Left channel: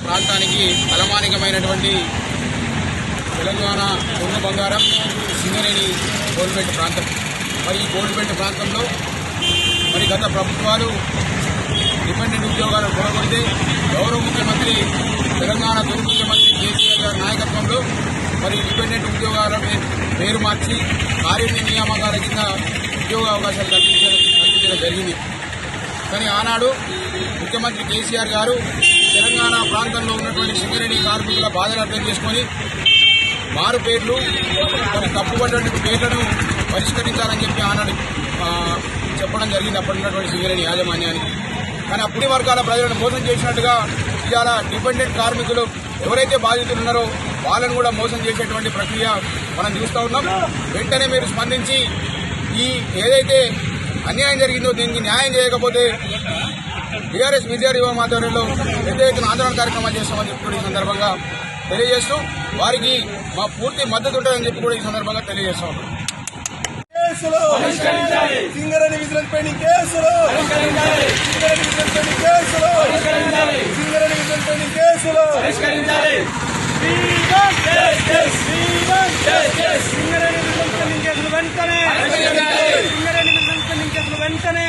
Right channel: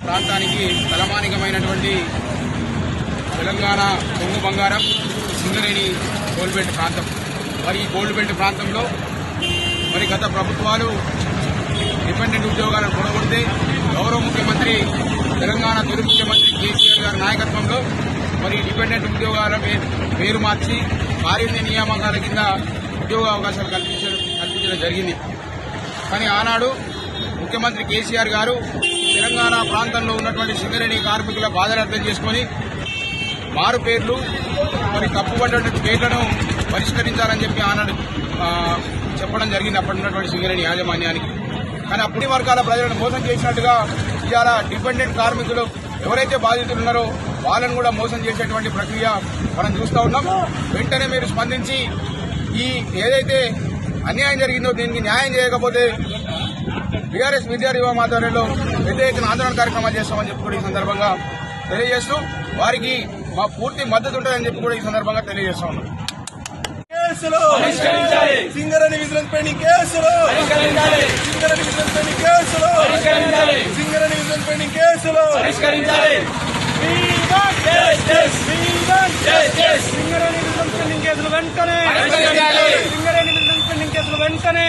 ప్రాంతానికి తలమానికమైనటువంటి తెలంగాణ దొంగ బంగారం సింగరేణి గోల్బెల్ట్ ప్రాంతం. మరి ఈ గోల్బెల్ట్ ప్రాంతంలో మరి గత ప్రభుత్వాలు డిపెండెంట్ ఉద్యోగాలను పొడగొడితే గౌరవ ముఖ్యమంత్రి తెలంగాణ తొలి ముఖ్యమంత్రి కేసీఆర్ గారి నాయకత్వంలో మరి డిపెండెంట్ ఉద్యోగాల పేరు మార్చి కార్య నియామకాల కింద ఉద్యోగ అవకాశాలు కల్పించడం కల్పించడం జరిగింది. కానీ ఆనాడు ముఖ్యమంత్రి కేసీఆర్ గారు తెలంగాణ ప్రాంతంలో ఉన్నటువంటి సింగరేణి కార్మికుల బాధను అర్థం చేసుకొని మారు పేర్లు కొన్ని తప్పుపడినటువంటి పేర్లను పరిష్కరించాలని చెప్పి ఆనాడు చెప్పడం జరిగింది అప్పటి ఉన్నటువంటి సింగరేణి యాజమాన్యానికి. కానీ అప్పటి వర్గాల ప్రజలను మోసం చేసినట్టుగా ఇవాళ డిపెండెంట్ కార్మికులు ఎవరైతే బాధితులు ఉన్నారో వాళ్ళను కూడా మోసం చేసేటువంటి ప్రక్రియ మనం చూస్తూ ఉన్నాం. వెంటనే మీరు స్పందించి ఈ ఏదైతే అన్యాయం జరిగిందో దీనికి న్యాయం చేయకపోతే బీఆర్ఎస్ విద్యార్థి యువ ఆధ్వర్యంలో పెద్ద ఎత్తున ఆందోళన కార్యక్రమాలు చేస్తామని చెప్పి కూడా ఈ సందర్భంగా తెలియజేస్తూ వారికి మా పూర్తి మద్దతు ఉంటుందని చెప్పి కూడా ఈ సందర్భంగా తెలియజేస్తా ఉన్నాం. కేసులు కేసులు కేసులు కేసులు కేసులు వెంటనే సింగరేణి విజిలెన్స్ పెండింగ్ కేసులు వెంటనే.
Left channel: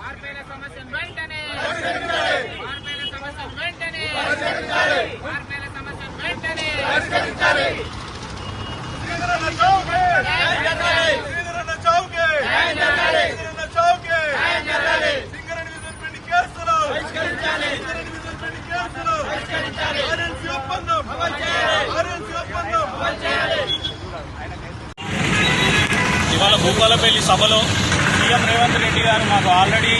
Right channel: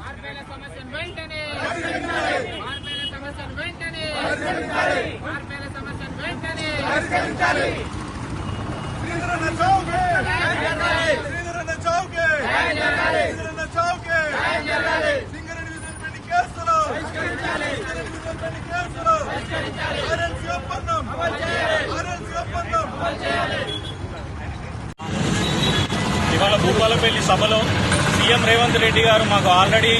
మార్పేల సమస్యను వెంటనే మార్పేల సమస్యను వెంటనే మార్పేల సమస్యను వెంటనే చౌకే చౌకే సింగరేణి విజిలెన్స్ పెండింగ్ కేసులు సింగరేణి విజిలెన్స్ పెండింగ్ కేసులు ఆర్ఎల్సీ ఒప్పందం ఆర్ఎల్సీ ఒప్పందం ఇవాళ భూపాలపల్లి సభలో సీఎం రేవంత్ రెడ్డి గారు మాకు ఆల్రెడీ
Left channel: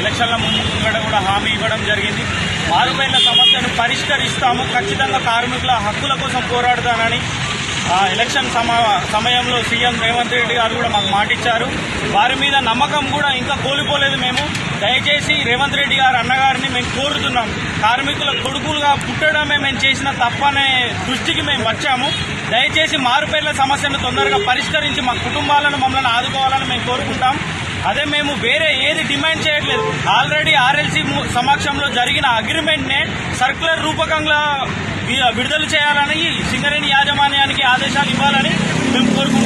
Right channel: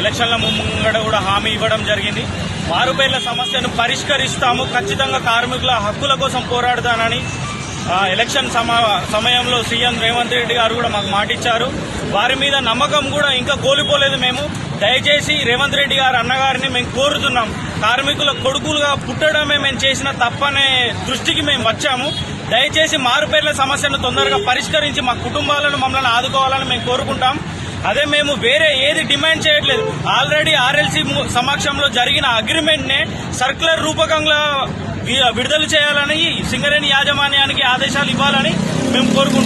ఎలక్షన్ల ముందు కూడా హామీ ఇవ్వడం జరిగింది. మారుపేర్ల సమస్యను పరిష్కరిస్తాము. ఖచ్చితంగా కార్మికుల హక్కుల కోసం పోరాడతానని ఎలక్షన్ సమయంలో సీఎం రేవంత్ రెడ్డి గారు కూడా మాకు మాటిచ్చారు. వారి మీద నమ్మకం కూడా ఇంకా కోల్పోలేదు మేము. దయచేసి రేవంత్ రెడ్డి గారు అన్నగారిని మేము కోరుతున్నాం. కార్మికుల కొడుకులుగా పుట్టడమే మేము చేసిన తప్పనే దృష్టికి మేము వచ్చాము. దయచేసి మారుపేర్ల సమస్యను తొందరగా పరిష్కరించి మా కుటుంబాలను మమ్మల్ని ఆదుకోవాలని మేము కోరుకుంటాం. అదే మేము వేరే ఏది డిమాండ్ చేయట్లేదు. ఆల్రెడీ ఆర్ఎల్సీ సమక్షంలో జరిగిన అగ్రిమెంట్ నే సర్క్యులర్ రూపకంగా విడుదల చేయాలని సింగరేణి యాజమాన్యానికి ఆదేశాలు ఇవ్వాలని మేము కోరుకుంటున్నాం.